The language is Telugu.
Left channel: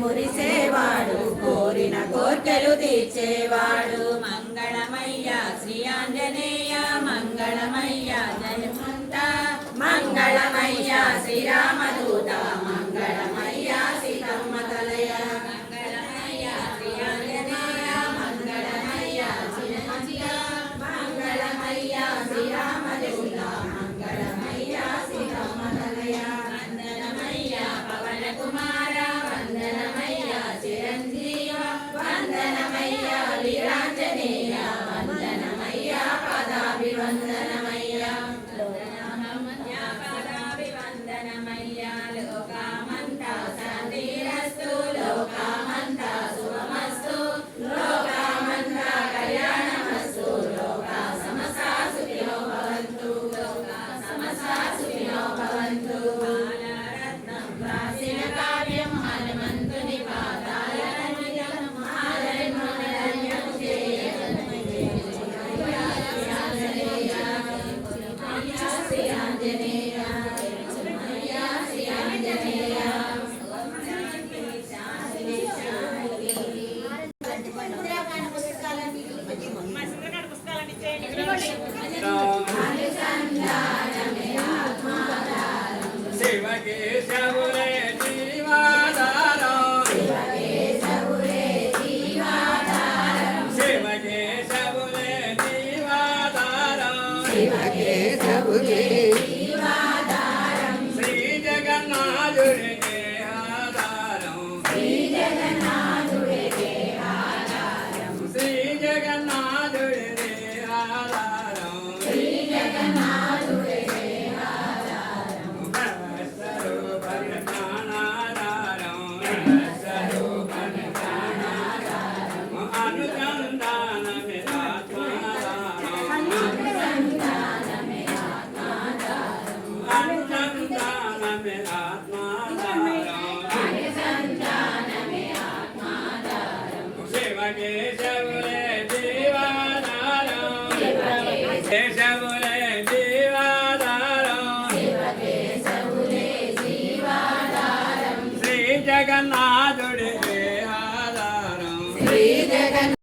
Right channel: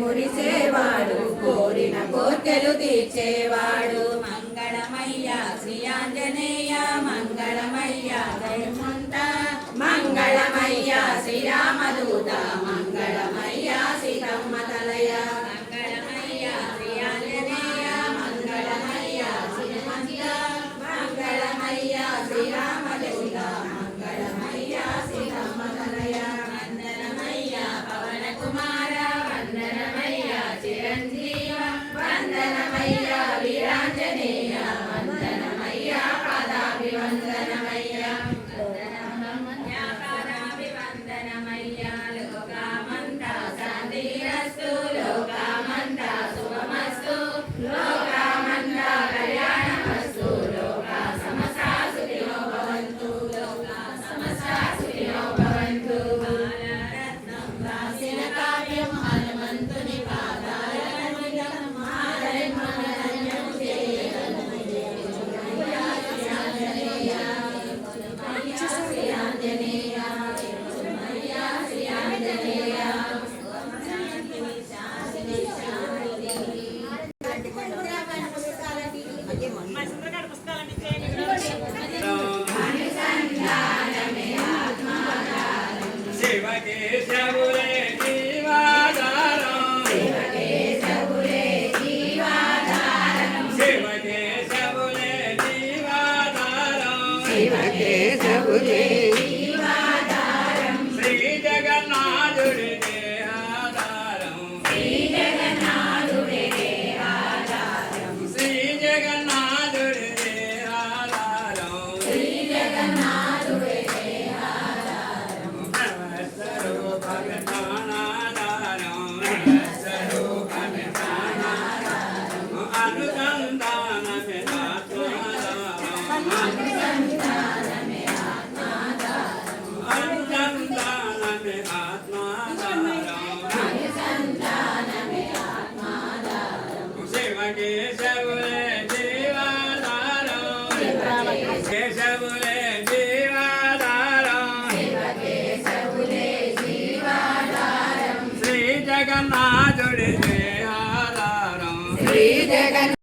మురిసేవాడు కోరిన కోర్కెలు తీర్చేవాడు మంగళమయ్య శ్రీ ఆంజనేయ మంగళమయ్య ధనుమంత మంగళమయ్య శ్రీరామదూత మంగళమయ్య సీతమ్మ తలయ మంగళమయ్య శ్రీ ఆంజనేయ మంగళమయ్య ధనుమంత మంగళమయ్య శ్రీరామదూత మంగళమయ్య సీతమ్మ తలయ వందనమయ్య పవన కుమార వందనమయ్య చిరంజీవ వందనమయ్య వీరాంజనేయ వందనమయ్య పాదాభివందనమయ్య పాదాభివందనమయ్య లోకామంతా శాంతిరస్తు లోకామంతా శుభమస్తు లోకామంతా కళ్యాణమస్తు లోకా సమస్తా సుఖినో భవంతు లోకా సమస్తా సుఖినో భవంతు బాలరత్నం రాసిన కావ్యం హనుమంతుని శ్రీ జగన్నాథుడికే ఆధారం శ్రీ జగన్నాథుడికే ఆధారం శ్రీ జగన్నాథుడికే ఆధారం శ్రీ జగన్నాథుడికే ఆధారం సర్వస్వరూపం జ్ఞానాధారం సర్వస్వరూపం జ్ఞానాధారం అనుసంధానమే కేశవులే జీవాధారం కేశవులే జీవాధారం శ్రీ జగన్నాథుడి ఆధారం శ్రీ జగన్